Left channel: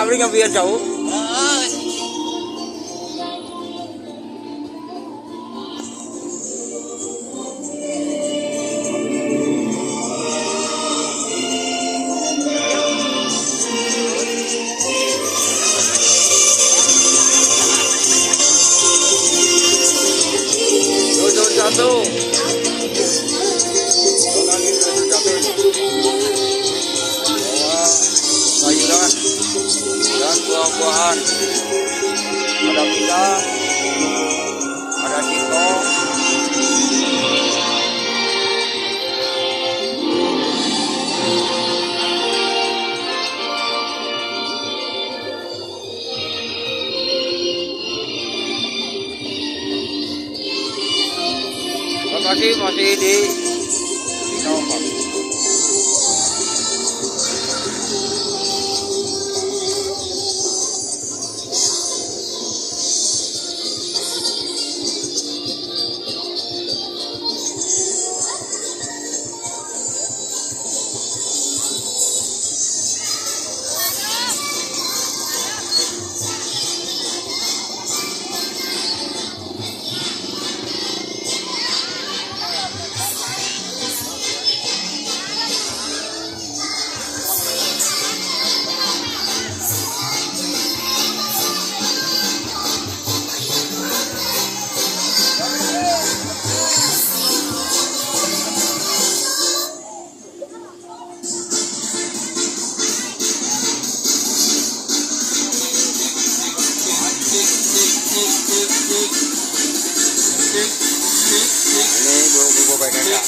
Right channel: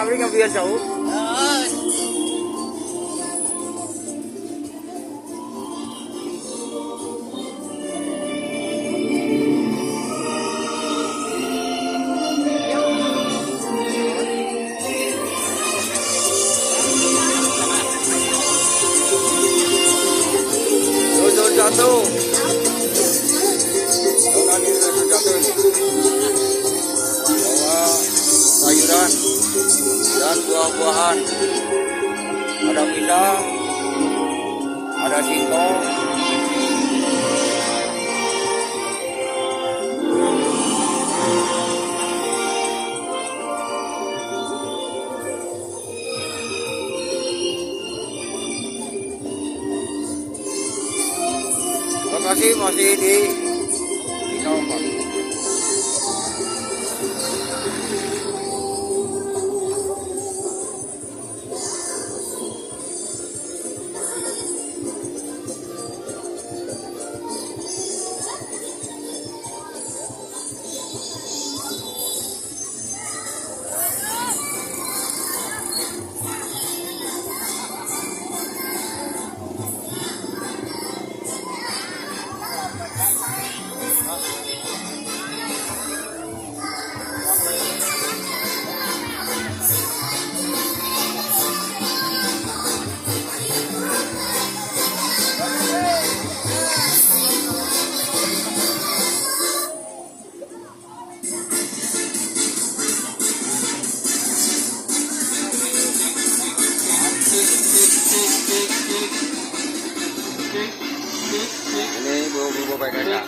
kami biar jauh. Jatuh. Jangan ini jatuh ini. Bawa sayuran dan buah-buahan. Ada pisang, ada singkong, lokasi masih di Kampar. Ini bumbu baik kakak.